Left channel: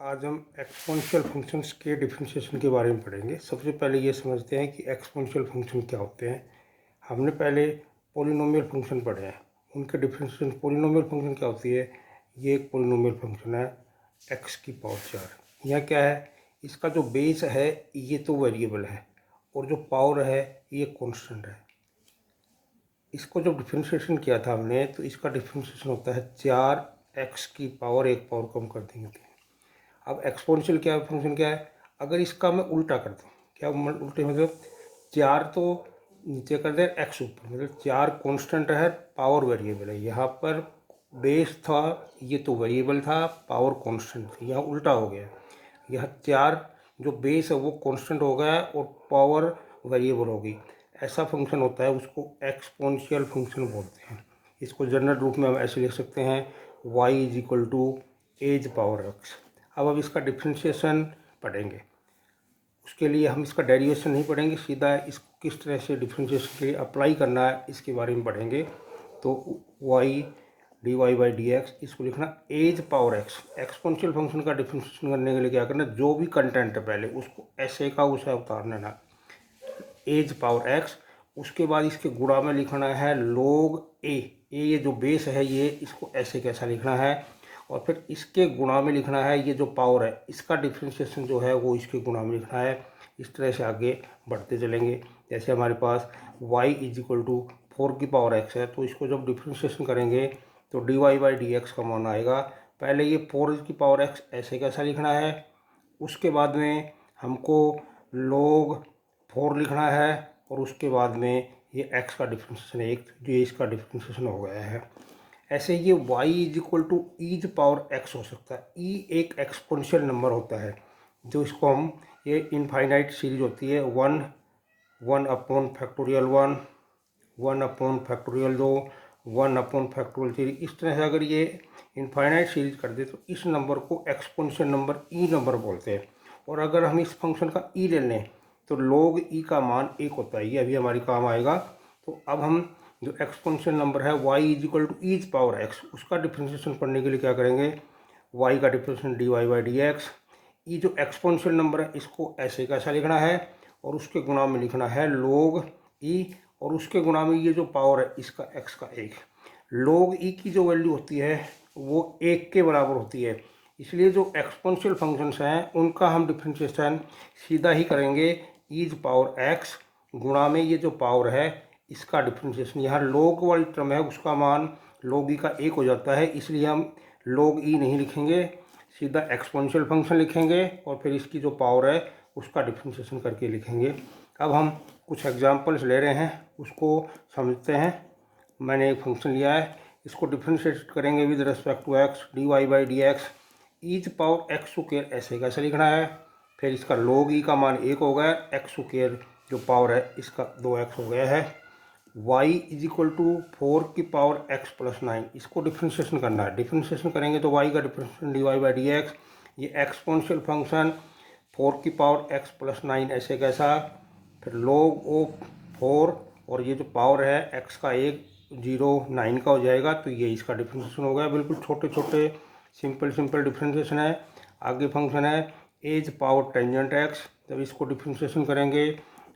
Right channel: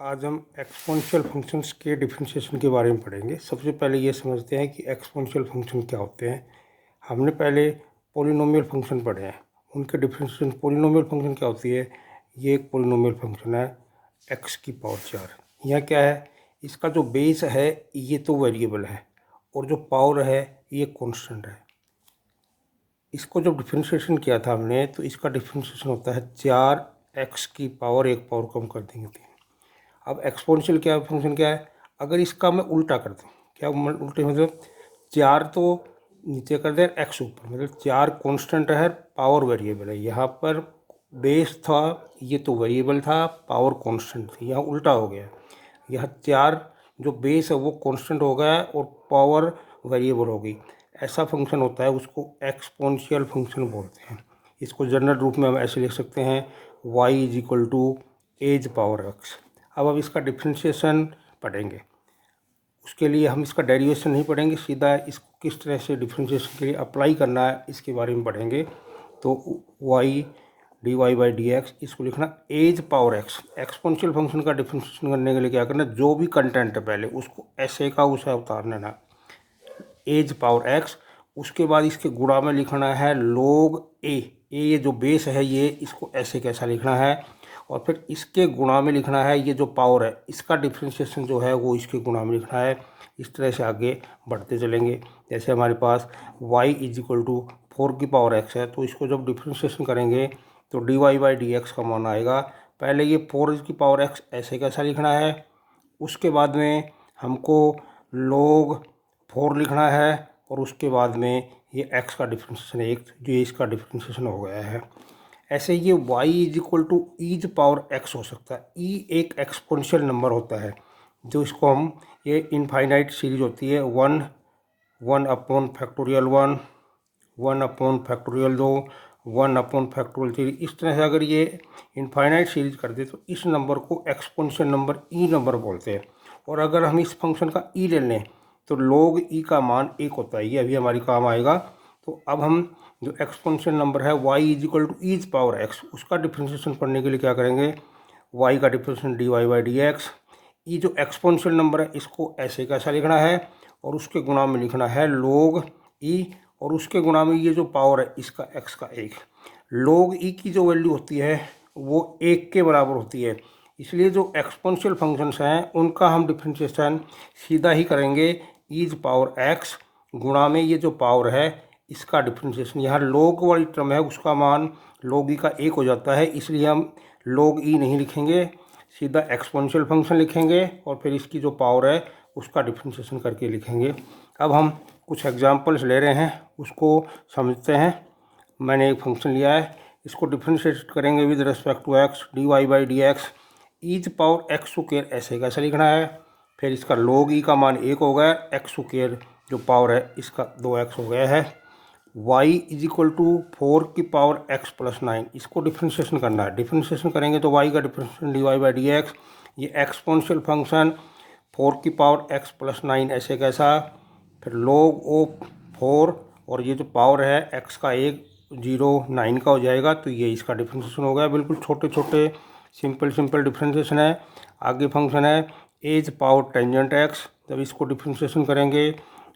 आज हम exponential functions के डिफरेंशिएशन के बारे में पढ़ेंगे। सबसे पहले ये समझते हैं कि एक्सपोनेंशियल फंक्शन क्या होते हैं। हमने पहले पॉलिनोमियल फंक्शन पढ़े हैं, उनके डिफरेंशिएशन। पॉलिनोमियल फंक्शन क्या होती है? ये एक पॉलिनोमियल फंक्शन है x की पावर 4। यहाँ क्या है, इसका जो बेस है ये तो वेरिएबल है और जो पावर है ये कॉन्स्टेंट है। इसको जब डिफरेंशिएशन किया था हमने, तो इसका डिफरेंशिएशन होता है 4x की पावर, एक पावर कम कर देंगे 3। अब एक्सपोनेंशियल क्या फंक्शन क्या है? अगर इसका मैं उल्टा कर दूँ, क्या उल्टे मतलब 4 तो नीचे कर दे, x ऊपर, मतलब 4 कांस्टेंट है, पावर वेरिएबल है। यहाँ पर बेस था, ये तो वेरिएबल था, पावर कांस्टेंट थी, यहाँ उल्टा हो गया। यह 4 जो बेस है वो कांस्टेंट हो गया और पावर वेरिएबल हो गई। ऐसा फंक्शन होता है, उसको एक्सपोनेंशियल फंक्शन बोलते हैं। इसको जनरल रूप में हम ऐसे लिख सकते हैं, y is equal to e power x। अब इसका डिफरेंशिएशन पढ़ेंगे, उसके लिए हम इसका डेरिवेशन नहीं पढ़ेंगे, सीधा इसको किस तरह से डिफरेंशिएशन के लिए अप्लाई करना है इसके बारे में पढ़ेंगे। तो y dy by d x, इसको लिखना e power x। Exponential function का डिफरेंशिएशन करने के लिए क्या करना, जो भी कंटेंट है पहले उसको ऐसे का उसे उतार लेना, एज पावर x। उसके बाद इसके गुणा में लिखना है log a। ये जो बेस है ये, इसको ऐसे कैसा लिखना है, और फिर इसके गुणा में लिखना है ये जो पावर है, इसका डिफरेंशिएशन जो है वो इसके गुणा में लिखना है। इस तरह से आगे बढ़ते चलेंगे। जैसे हमारे पास y इज इक्वल टू 4 की पावर x है, तो इसको जब डिफरेंशिएशन करेंगे तो dy बाई डी एक्स का मान आएगा। पहले ये 4 की पावर x ऐसे कैसा लिखना है, उसके बाद में हमको log 4 लिखना है, और उसके बाद में ये x का डिफरेंशिएशन एक, जो इसका डिफरेंशिएशन हो गया है। ऐसे ये y is equal to ease power x हो सकता है। e एक एक्सपोनेंशियल नंबर होता है, जो इसको हम, ये इनफाइनाइट सीरीज होती है, 1 upon factorial 1, 1 upon factorial 2, 1 upon factorial 3। इस तरह से अगर ये इनफाइनाइट सीरीज कर दे तो इस नंबर को एक्सपोनेंशियल नंबर e नंबर बोलते हैं। और अगर हम इस फंक्शन का e ले लें तो log e का मान 1 होता है, ये अभी हमारी काम आएगा। तो अब हम जो एक्सपोनेंशियल नंबर है y is equal to ease power x, उसका डिफरेंशिएशन पढ़ने के लिए क्या करेंगे, y का differentiation dy by d x. ये जो एक्सपोनेंशियल नंबर है इसको ऐसे कैसा लिखना है, और उसके गुणा में लिखना है log e, और उसके गुणा में ये जो पावर है इसका x का 1। log e की जो वैल्यू होती है वो 1 के बराबर होती है, इसलिए जो एक्सपोनेंशियल फंक्शंस हैं उनका हम डिफरेंशिएशन सीधा ही करेंगे, ईज पावर x गुणा में ये जो पावर है इसका डिफरेंशिएशन। यहाँ log वाली टर्म है उसका मान log e का 1 हो जाता है, इसलिए हम log e नहीं लिखेंगे, सीधा एक्सपोनेंशियल फंक्शन लिखेंगे और फिर इसकी जो पावर है उसका डिफरेंशिएशन करके लिखेंगे। अब हम कुछ एग्जांपल्स ले रहे हैं, उसको समझते हैं। मैंने एक फंक्शन लिया है, इसको डिफरेंशिएट करेंगे with respect to x, dy by d x, ease power x square ऐसे कैसे लिखना है। फिर इसका log e का मान 1 हो गया, x स्क्वायर जो पावर है इसका 2x हो गया है। y इज इक्वल टू 4 की पावर x प्लस 9, इसको डिफरेंशिएशन करना है। डिफरेंशिएशन करेंगे तो y का differentiation dy by d x, ये एक्सपोनेंशियल फंक्शन 4 की पावर x प्लस 9 ऐसे कैसा, फिर log ऑफ 4, और ये जो पावर है x का 1 0 9 का हो जाएगा, तो ये इसका डिफरेंशिएशन हो गया। बिल्कुल छोटे छोटे सिंपल डिफरेंशिएशन है। आगे फंक्शन है एज पावर टेंजेंट x, जब इसको डिफरेंशिएशन करेंगे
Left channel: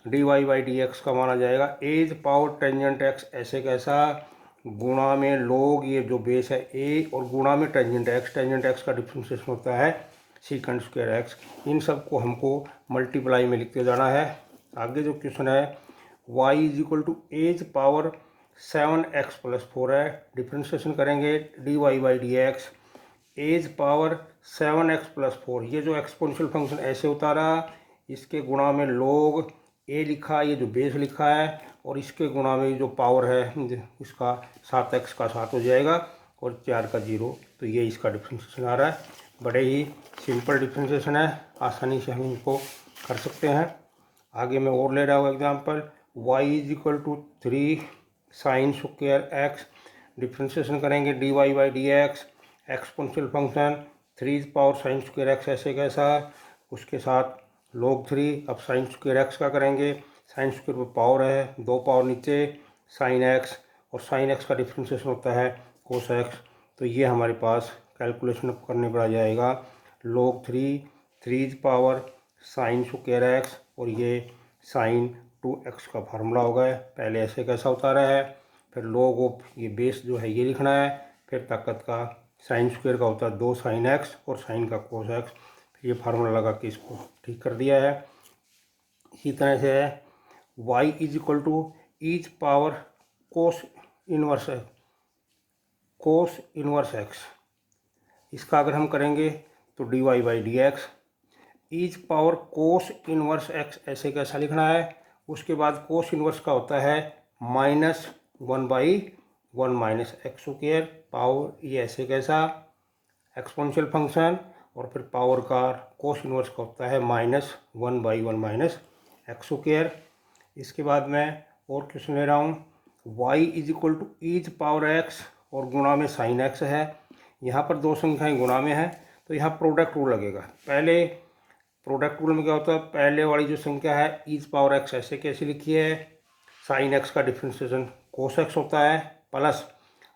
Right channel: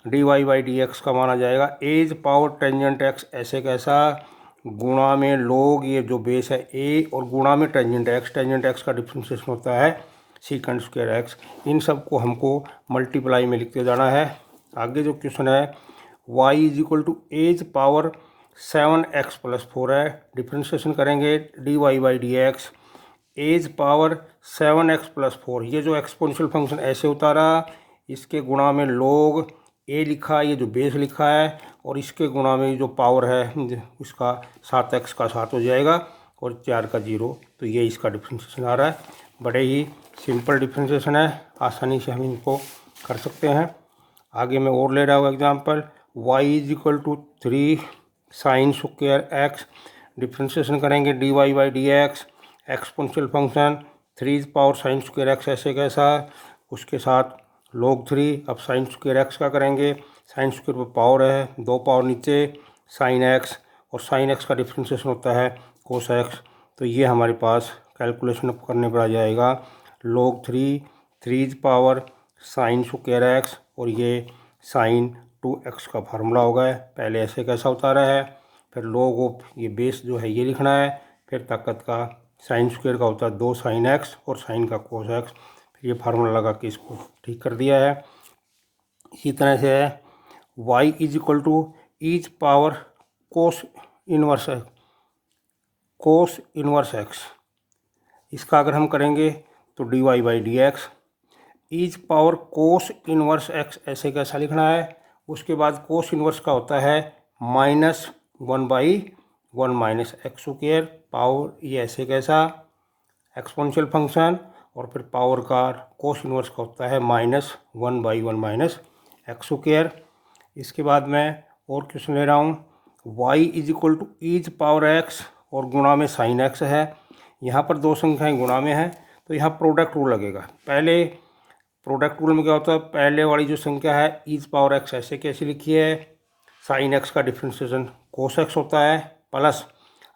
dy बाई डी एक्स का माना जाएगा एज पावर टेंजेंट x ऐसे कैसा, गुणा में log ये जो बेस है a, और गुणा में टेंजेंट x का डिफरेंशिएशन होता है सीकेंड स्क्वायर x। इन सब को हमको मल्टीप्लाई में लिखते जाना है। आगे जो क्वेश्चन है y is equal to e power 7x plus 4 है, डिफरेंशिएशन करेंगे dy by d x, e power 7x plus 4, ये जो एक्सपोनेंशियल फंक्शन ऐसे उतारा, इसके गुणा में log a लिखा, ये जो बेस लिखा है, और इसके गुणा में जो पावर है इसका 7x का 7 हो जाएगा और 4 का 0, तो ये इसका डिफरेंशिएशन आ रहा है। बड़े ही सिंपल डिफरेंशिएशन है, आसानी से हम इनको कर सकते हैं। आगे मैं और ले रहा हूँ example, y is equal to 3 sine square x, differentiation करेंगे dy by d x, exponential function 3 power sine square x ऐसे कैसा, उसके साथ log 3। अब साइन स्क्वायर x का करेंगे, साइन स्क्वायर पर पावर है, 2 पावर नीचे साइन x, और साइन x का डिफरेंशिएशन होता है कोस x। तो ये हमारे पास कैलकुलेशन करने पर आ जाएगा log 3 साइन स्क्वायर एक्स, और ये साइन 2x का फार्मूला होगा। पहले ऐसे कैसा उतारा है, फिर log ऑफ ये बेस जो है ये लिखना है, फिर ताकत का साइन स्क्वायर का होता है 2 साइन एक्स और साइन का कोस एक्स, फिर ये फार्मूला लगा के इसको ठीक कर दिया है। इसी तरह से है y is equal to e power cos inverse x. इसका अगर हम करेंगे तो dy by d x, e power cos inverse x ऐसे कैसा लिखना है। उसके बाद कोस इनवर्स का होता है -1/1 माइनस एक्स स्क्वायर पावर, ये ऐसे कैसा एक्सपोनेंशियल फंक्शन, और फिर पावर का कोस इनवर्स का होता है -1/1 माइनस एक्स स्क्वायर। इसके बाद मैं और क्वेश्चन ले रहा हूँ, y is equal to e power x और गुणा में साइन एक्स है। यहाँ पर दो संख्याएं गुणा में हैं तो यहाँ प्रोडक्ट रूल लगेगा। पहले प्रोडक्ट रूल में क्या होता है, पहले वाली जो संख्या है ईच पावर एक्स ऐसे कैसे लिखी है, साइन एक्स का डिफ्रेंशिएशन कोस एक्स होता है, प्लस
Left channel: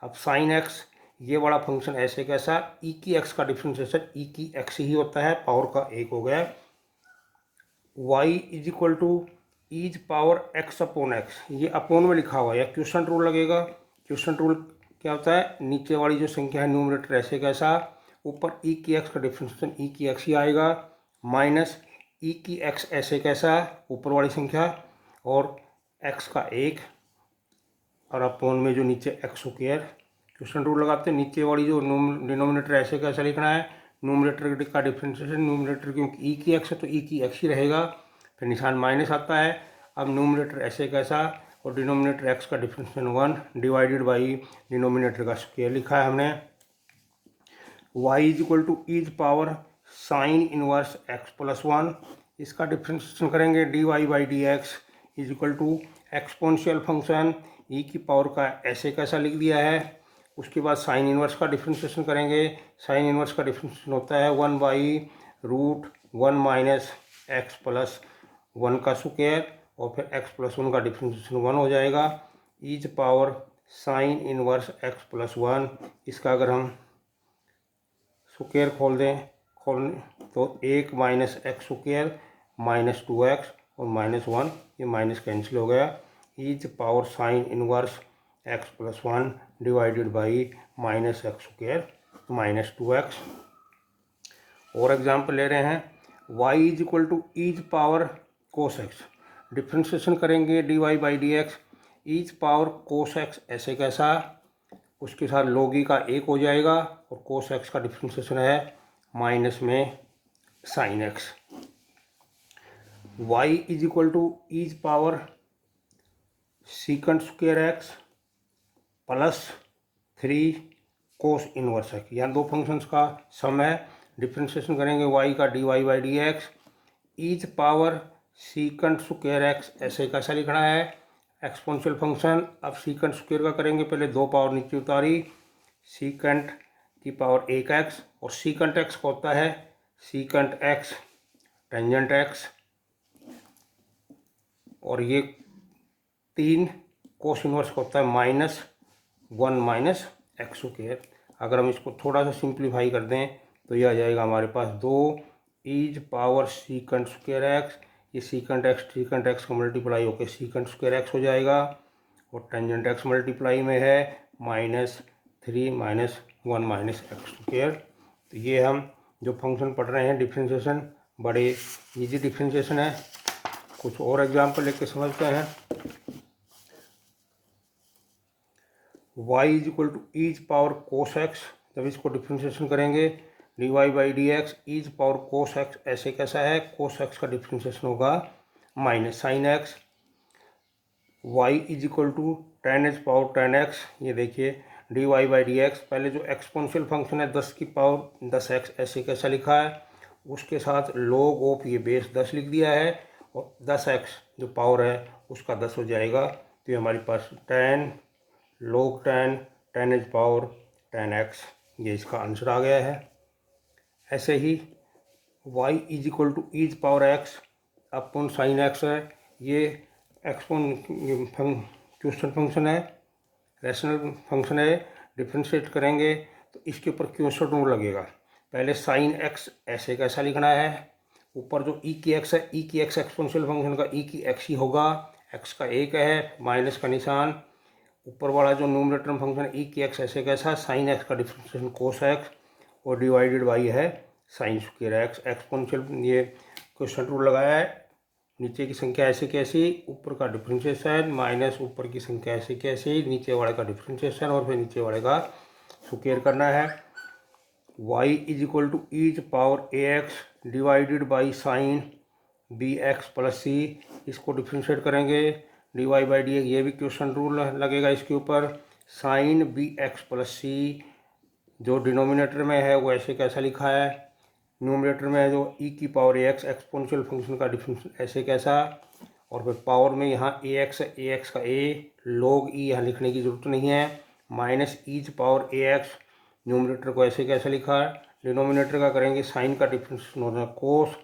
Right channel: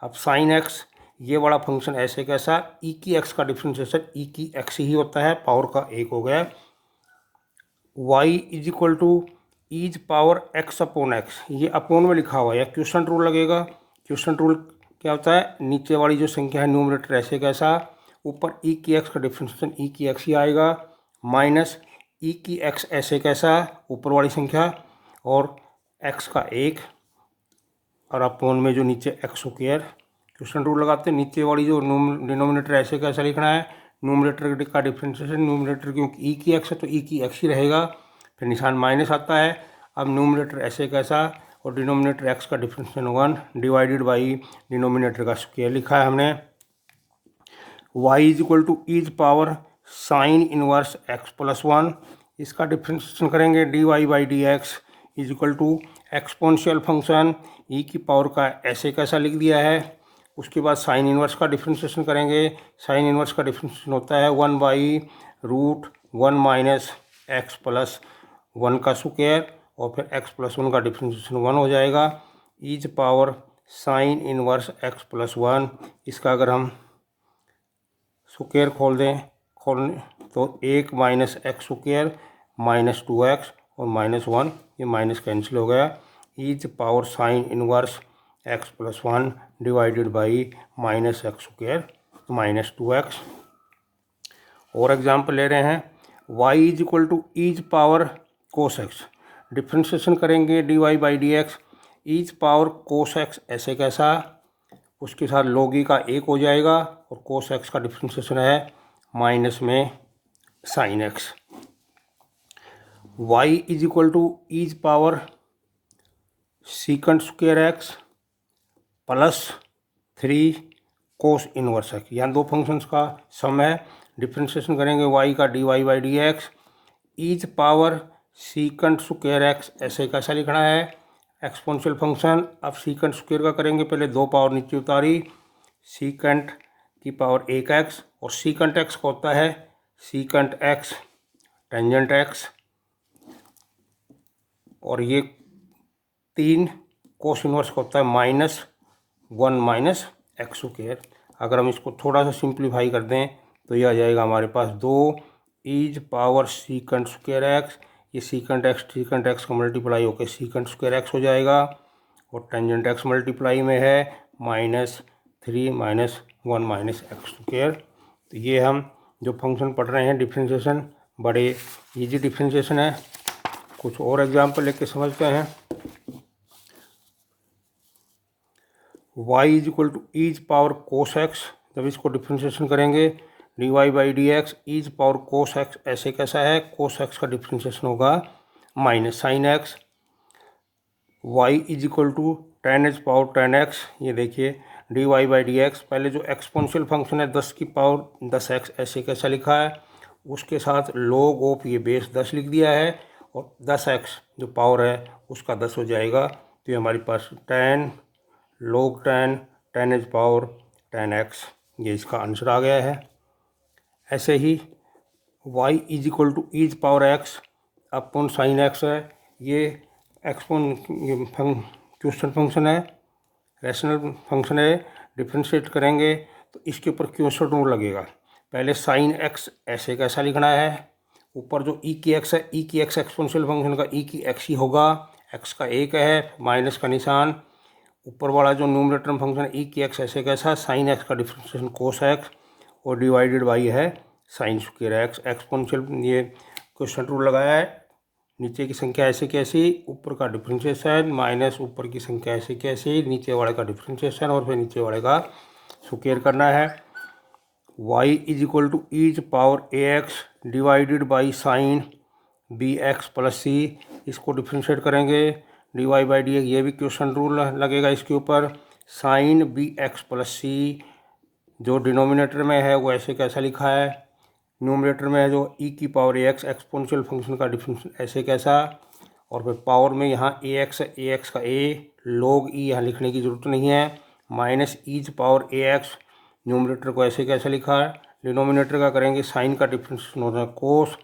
अब साइन एक्स ये वाला फंक्शन ऐसे कैसा ई की एक्स का डिफ्रेंशिएशन ई की एक्स ही होता है, पावर का एक हो गया। y is equal to ease power x upon x, ये अपोन में लिखा हुआ है, क्वेश्चन रूल लगेगा। क्वेश्चन रूल क्या होता है, नीचे वाली जो संख्या है न्यूमरेटर ऐसे कैसा, ऊपर ई की एक्स का डिफ्रेंशिएशन ई की एक्स ही आएगा, माइनस ई की एक्स ऐसे कैसा ऊपर वाली संख्या और एक्स का एक, और अपोन में जो नीचे एक्स स्क्वायर। क्वेश्चन रूल लगाते हैं, नीचे वाली जो डिनोमिनेटर ऐसे कैसा लिखना है, न्यूमरेटर का डिफ्रेंशिएशन, न्यूमरेटर क्योंकि ई की एक्स है तो ई की एक्स ही रहेगा, फिर निशान माइनस आता है। अब न्यूमरेटर ऐसे कैसा और डिनोमिनेटर एक्स का डिफ्रेंशिएशन 1 डिवाइडेड बाई डिनोमिनेटर का स्क्वायर लिखा है हमने। y is equal to ease power sine inverse x plus 1, इसका डिफ्रेंशिएशन करेंगे dy by d x is equal to exponential function e की पावर का ऐसे कैसा लिख दिया है। उसके बाद साइन इनवर्स का डिफ्रेंशिएशन करेंगे, साइन इनवर्स का डिफ्रेंशिएशन होता है 1/√1 माइनस एक्स प्लस 1 का स्क्वायर, और फिर x प्लस 1 का डिफ्रेंशिएशन 1 हो जाएगा, e power sine inverse x plus 1। इसका अगर हम स्क्वायर खोल तो 1 minus x square minus 2x और -1, ये माइनस कैंसिल हो गया, e power sine inverse x plus 1 divided by minus x square minus 2x। और एग्जाम्पल ले रहे हैं, y is equal to ease power cos x, differentiation करेंगे dy by d x, ease power cos x ऐसे कैसा, उसके साथ log ई का एक हो जाएगा, और कोस एक्स का डिफ्रेंशिएशन है माइनस में sine x. y is equal to ease power secant square x plus 3 cos inverse x, यहाँ दो फंक्शंस का सम है। डिफ्रेंशिएशन करेंगे y का dy by d x, ease power secant square x ऐसे कैसा लिखना है, एक्सपोनेंशियल फंक्शन। अब सीकंट स्क्वायर का करेंगे, पहले दो पावर नीचे उतारी, सीकंट की पावर 1x, और सीकंट एक्स का होता है सीकंट एक्स टेंजेंट एक्स, और ये 3 कोस इनवर्स का होता है -1 माइनस एक्स स्क्वायर। अगर हम इसको थोड़ा सा सिंप्लीफाई कर दें तो ये आ जाएगा हमारे पास 2 ease power secant square x, ये सीकंट एक्स का मल्टीप्लाई होकर सीकंट स्क्वायर एक्स हो जाएगा, और टेंजेंट एक्स मल्टीप्लाई में है -3 माइनस 1 माइनस एक्स स्क्वायर। तो ये हम जो फंक्शन पढ़ रहे हैं डिफ्रेंशिएशन, बड़े इजी डिफ्रेंशिएशन है। कुछ और एग्जाम्पल लेके समझते हैं। y is equal to ease power cos x, जब इसको डिफ्रेंशिएशन करेंगे dy by d x, ease power cos x ऐसे कैसा है, कोस एक्स का डिफ्रेंशिएशन होगा minus sine x. y is equal to tan h power tan x, ये देखिए dy बाई डी एक्स, पहले जो एक्सपोनेंशियल फंक्शन है 10 की पावर 10x ऐसे कैसा लिखा है, उसके साथ log ऑफ ये बेस 10 लिख दिया है, और 10x जो पावर है उसका 10 हो जाएगा, तो ये हमारे पास log tan h power tan x, ये इसका आंसर आ गया है। ऐसे ही y is equal to ease power x upon sine x है, ये क्वेश्चन फंक्शन है, रैशनल फंक्शन है, डिफ्रेंशिएट करेंगे तो इसके ऊपर क्वेश्चन रूल लगेगा। पहले साइन एक्स ऐसे कैसा लिखना है, ऊपर जो ई की एक्स है, ई की एक्स एक्सपोनेंशियल फंक्शन का ई की एक्स ही होगा, एक्स का एक है, माइनस का निशान, ऊपर वाला जो न्यूमरेटर में फंक्शन ई की एक्स ऐसे कैसा, साइन एक्स का डिफरेंशिएशन कोस एक्स और डिवाइडेड बाई है साइन स्क्वायर एक्स। एक्सपोनेंशियल ये क्वेश्चन रूल लगाया है, नीचे की संख्या ऐसे कैसी, ऊपर का डिफरेंशिएशन माइनस ऊपर की संख्या ऐसे कैसी, नीचे वाले का डिफरेंशिएशन और फिर नीचे वाले का स्क्वायर करना है। y is equal to ease power a x divided by sine b x plus c, इसको डिफ्रेंशिएट करेंगे d y by d x, ये भी क्वेश्चन रूल लगेगा इसके ऊपर। Sine b x plus c जो डिनोमिनेटर में है वो ऐसे कैसा लिखा है, न्यूमरेटर में है जो ई की power a x exponential function का डिफरेंशिएशन ऐसे कैसा, और फिर पावर में यहाँ ए एक्स है, ए एक्स का ए लॉग ई यहाँ लिखने की ज़रूरत नहीं है, minus ease power a x, numerator को ऐसे कैसे लिखा है, डिनोमिनेटर का करेंगे साइन का डिफरेंशिएशन होता है कोस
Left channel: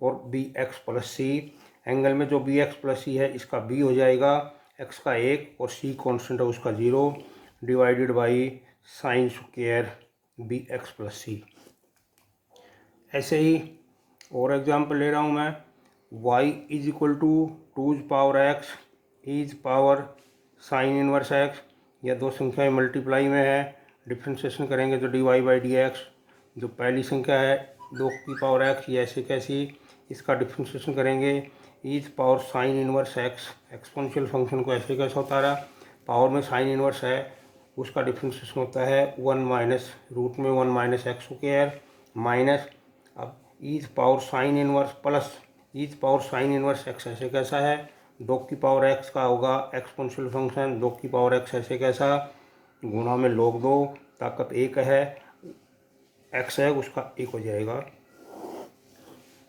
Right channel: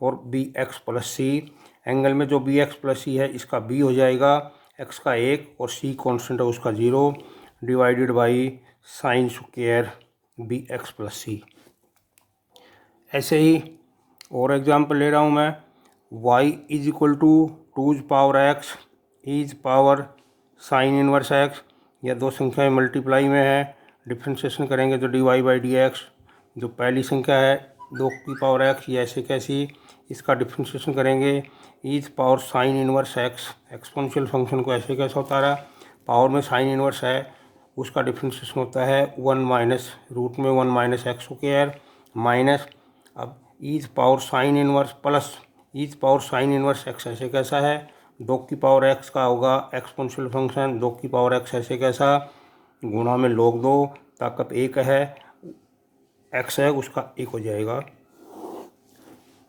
और बी एक्स प्लस सी, एंगल में जो बी एक्स प्लस सी है इसका बी हो जाएगा, एक्स का एक और सी कॉन्स्टेंट है उसका 0, divided by sine square b x plus c. ऐसे ही और एग्जांपल ले रहा हूँ मैं, y is equal to two's power x e's power sine inverse x, या दो संख्याएं मल्टीप्लाई में है, डिफ्रेंशिएशन करेंगे तो d y by d x, जो पहली संख्या है 2 की पावर एक्स ये ऐसे कैसी, इसका डिफ्रेंशिएशन करेंगे is power sine inverse x, exponential function को ऐसे कैसा होता रहा, पावर में साइन इनवर्स है उसका डिफ्रेंशिएशन होता है 1 माइनस रूट में 1 माइनस एक्स स्क्वायर माइनस, अब e power sine inverse plus e power sine inverse x ऐसे कैसा है, 2 की पावर एक्स का होगा एक्सपोनेंशियल फंक्शन, 2 की पावर एक्स ऐसे कैसा, गुणा में log 2, ताकत एक है, एक्स है उसका एक हो जाएगा।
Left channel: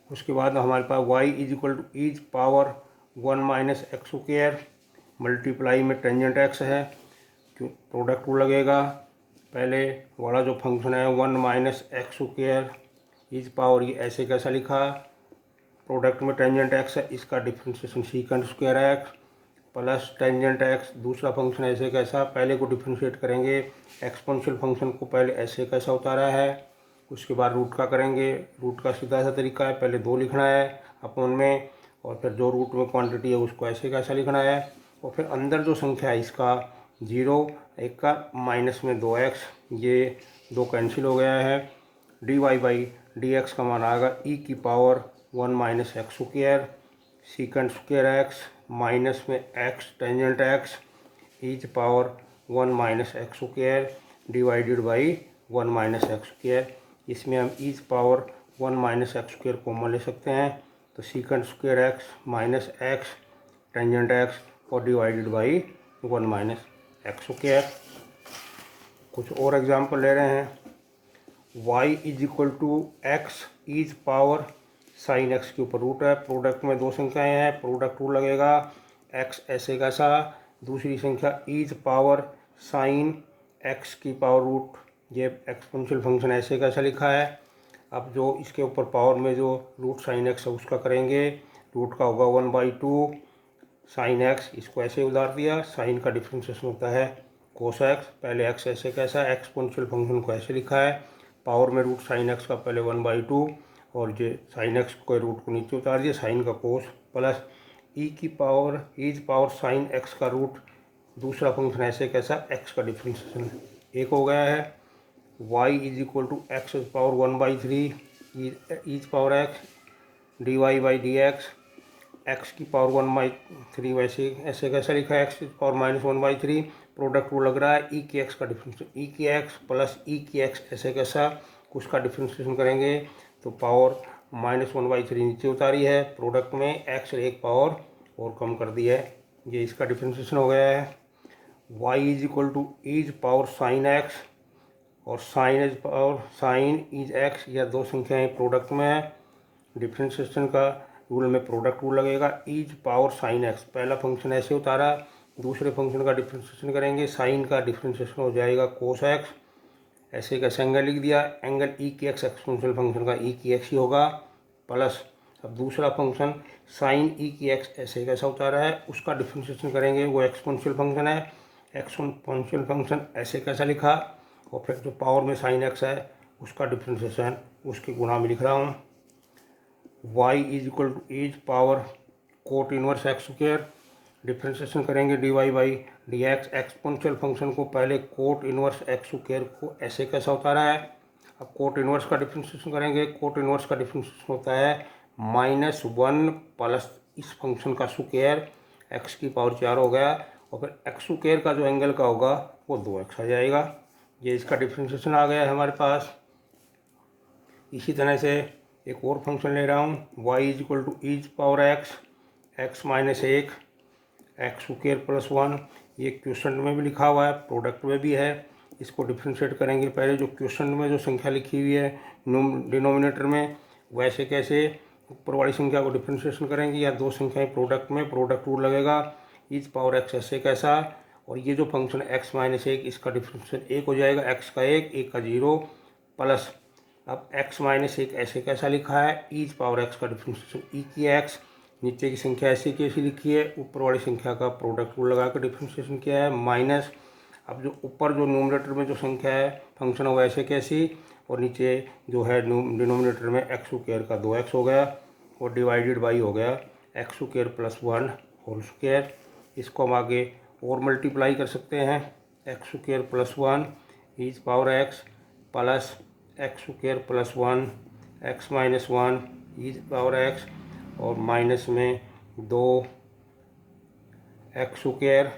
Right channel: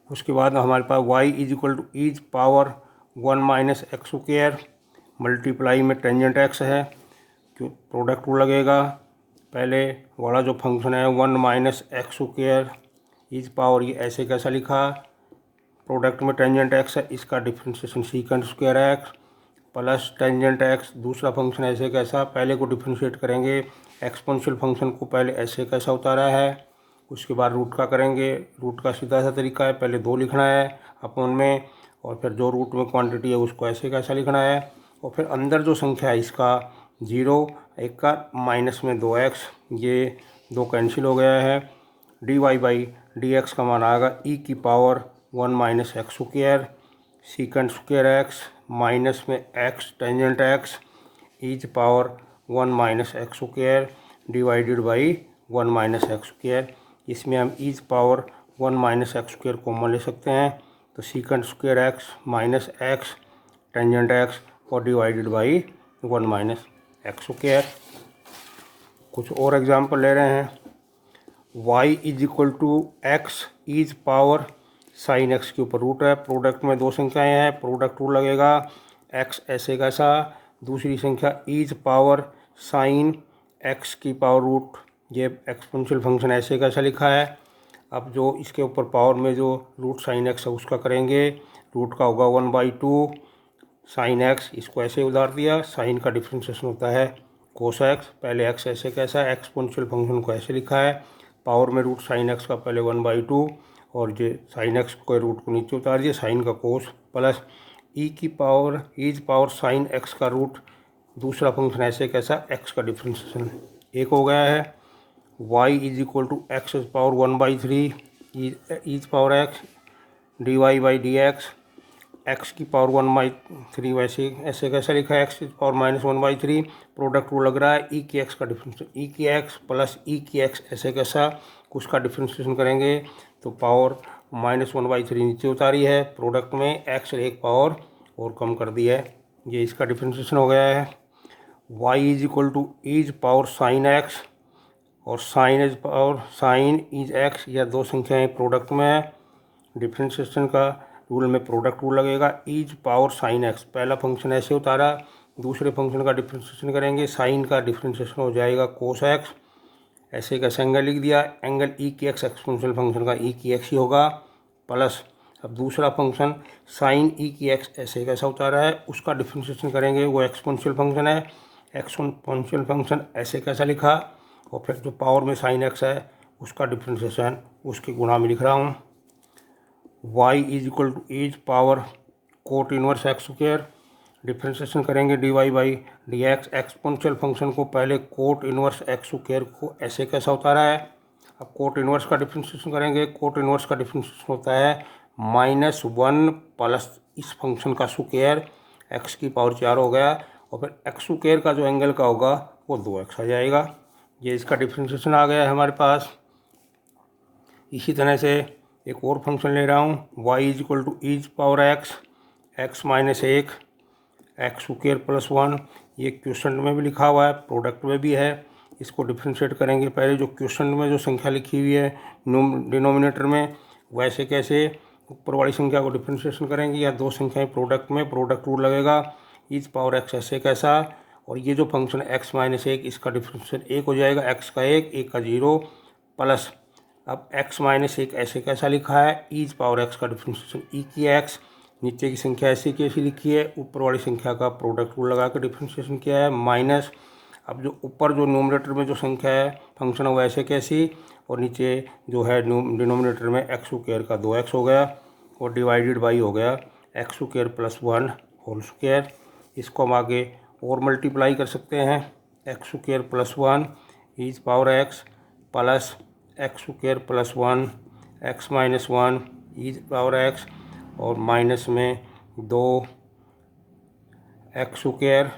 उसके बाद हमारे पास y is equal to ease power 1 minus x square multiply में टेंजेंट एक्स है, क्यों प्रोडक्ट रूल लगेगा, पहले वाला जो फंक्शन है 1 minus x square is power ये ऐसे कैसा लिखा, प्रोडक्ट में टेंजेंट एक्स है इसका differentiation secant square x plus tangent x, दूसरा फंक्शन ऐसे कैसा, पहले को डिफरेंशिएट करेंगे एक्सपोनेंशियल फंक्शन को पहले ऐसे कैसा उतारा है, उसके बाद रूट का करेंगे, रूट का सीधा सा तरीका है पहले 2 लिखना है अपॉन में, और फिर जो रूट में क्वांटिटी है उसको ऐसे कैसा लिखना है, और फिर अंदर जो संख्या है इसका 0 एक का माइनस में 2x, ये 2 कैंसिल हो गया है, d y by d x का मान आएगा ई की power 1 minus x square secant square x minus में x tangent x ease power 1 minus x square divided by 1 minus x square, इसमें हम e's power 1 minus x square common ले सकते हैं, तो secant square x minus x tangent x और divided by 1 minus x square. कुछ और example ले रहे हैं, y is equal to x ease power sine x के ऊपर रूट है, प्रोडक्ट में 2 संख्याएं हैं, प्रोडक्ट रूल लगेगा, x ऐसे कैसा, दूसरी संख्या ईज पावर साइन एक्स की पावर रूट, ये एक्सपोनेंशियल फंक्शन ऐसे कैसा लिखा है, अब जो इसके ऊपर पावर में जो रूट साइन एक्स है उसका करेंगे, रूट का होगा 1/2 साइन एक्स, इसको ऐसे उधार दिया, साइन का डिफरेंशिएशन होता है कोस एक्स, पहले एक्स ऐसे कैसा है, एक्सपोनेंशियल फंक्शन को ऐसे लिखा है, पावर में रूट साइन एक्स का पहले 1/2 और जो साइन एक्स को रूट को नीचे उतार दिया, साइन का कोस प्लस ई की power e power sine x का रूट, दूसरा फंक्शन ऐसे कैसा, एक्स का डिफरेंशिएशन एक हो गया है, y is equal to x power 1/3 e power x d y by d x, x की पावर 1/3 वैसे ऐसे कैसा लिखा है, एक्स की पावर -1/3, प्रोडक्ट रूल लग रहा है, ई की एक्स का डिफरेंशिएशन ई की एक्स प्लस ई की एक्स ऐसे कैसा, उसका डिफरेंशिएशन करेंगे तो पावर -1/3 नीचे उतारी है, प्रोडक्ट में एक्स एक पावर और कम कर दी है, ये इसका डिफरेंशिएशन हो गया है। y is equal to ease power sine x और sine e's power sine e's x, या 2 संख्याएं प्रोडक्ट में है, डिफरेंशिएशन का रूल में प्रोडक्ट रूल लगेगा, ईज पावर साइन एक्स, पहला फंक्शन ऐसे उतारा, दूसरे फंक्शन का डिफरेंशिएशन करेंगे, साइन का डिफरेंशिएशन हो जाएगा कोस एक्स, ऐसे कैसे एंगल लिख दिया, एंगल ई की एक्स एक्सपोनेंशियल फंक्शन का ई की एक्स ही होगा प्लस, अब दूसरा फंक्शन साइन ई की एक्स ऐसे कैसा उतारा है उसका डिफरेंशिएशन करेंगे, वो एक्सपोनेंशियल फंक्शन है, एक्सपोनेंशियल फंक्शन ऐसे कैसा लिखा, और फिर जो पावर में साइन एक्स है उसका डिफ्रेंशिएशन उसके गुणा में लिख रहा हूँ। y is equal to e power cot inverse x square, differentiation करेंगे dy by d x. Exponential function को पहले कोट इनवर्स एक्स स्क्वायर को ऐसे कैसा होता रहा है, अब कोट इनवर्स का डिफ्रेंशिएशन करेंगे। कोट इनवर्स का डिफ्रेंशिएशन होता है -1 प्लस इस फंक्शन का स्क्वायर, एक्स की पावर 4 हो गया, और फिर एक्स स्क्वायर का जो एंगल का होगा वो 2x आ जाएगा। ये इसका डिफ्रेंशिएशन आ गया है हमारे पास। इसी तरह से एक और फंक्शन ले रहा हूँ, y is equal to ease power x minus 1 x square plus 1। ये क्वेश्चन में भी लिखा हुआ है, प्रोडक्ट में भी है। इसको डिफ्रेंशिएट करेंगे। पहले जो क्वेश्चन में जो संख्या लिखी हुई है डिनोमिनेटर में, वैसे कैसे ऊपर वाली संख्या को डिफ्रेंशिएशन करेंगे, या दो संख्याएं प्रोडक्ट में प्रोडक्ट रूल लगेगा, ईज पावर x ऐसे कैसा, और ये जो फंक्शन x माइनस 1 इसका डिफ्रेंशिएशन 1 हो जाएगा, x का 1 का 0 प्लस, अब x माइनस 1 ऐसे कैसा लिखा है, ईज पावर x का डिफ्रेंशिएशन e की x, नीचे की संख्या ऐसे कैसी लिखी है, ऊपर वाली संख्या का प्रोडक्ट रूल लगा कर डिफ्रेंशिएशन किया है माइनस। अब जो ऊपर जो नोमिनेटर में जो संख्या है फंक्शन है वो ऐसे कैसी, और नीचे जो है डिनोमिनेटर में एक्स स्क्वायर का 2x हो गया, और डिवाइडेड बाई हो गया x square plus 1 whole square. इसको हम आगे और मल्टीप्लाई कर सकते हैं, x square plus 1 e power x plus x square plus 1 x minus 1 e power x, और माइनस में 2 एक्स स्क्वायर,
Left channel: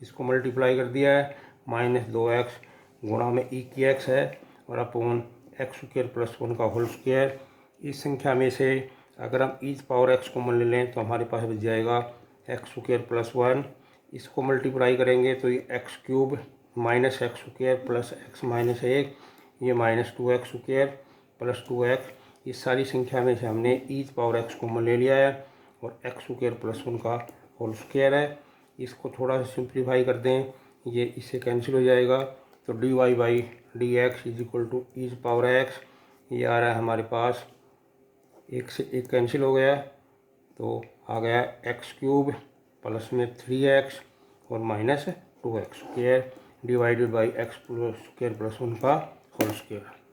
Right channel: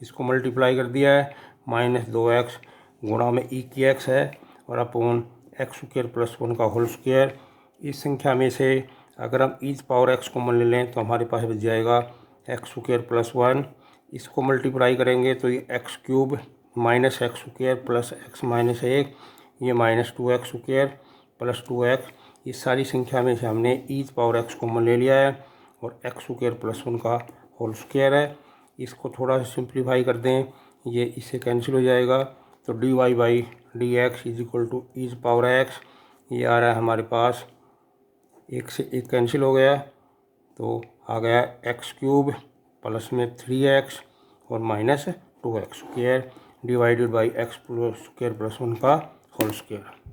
इसको मल्टीप्लाई कर दिया है, माइनस 2x गुणा में e की x है, और अपॉन एक्स स्क्वायर प्लस 1 का होल स्क्वायर। इस संख्या में से अगर हम ईज पावर x कॉमन ले लें तो हमारे पास बच जाएगा एक्स स्क्वायर प्लस 1। इसको मल्टीप्लाई करेंगे तो ये x cube minus x square plus x minus 1, ये minus 2x square plus 2x। इस सारी संख्या में से हमने ईज पावर x कॉमन ले लिया है, और एक्स स्क्वायर प्लस 1 का होल स्क्वायर है। इसको थोड़ा सा सिंप्लीफाई कर दें, ये इससे कैंसिल हो जाएगा, तो d y by d x is equal to ease power x, ये आ रहा है हमारे पास, एक से एक कैंसिल हो गया, तो आ गया एक्स क्यूब प्लस में 3x और minus 2x square divided by x square plus 1 का होल स्क्वायर।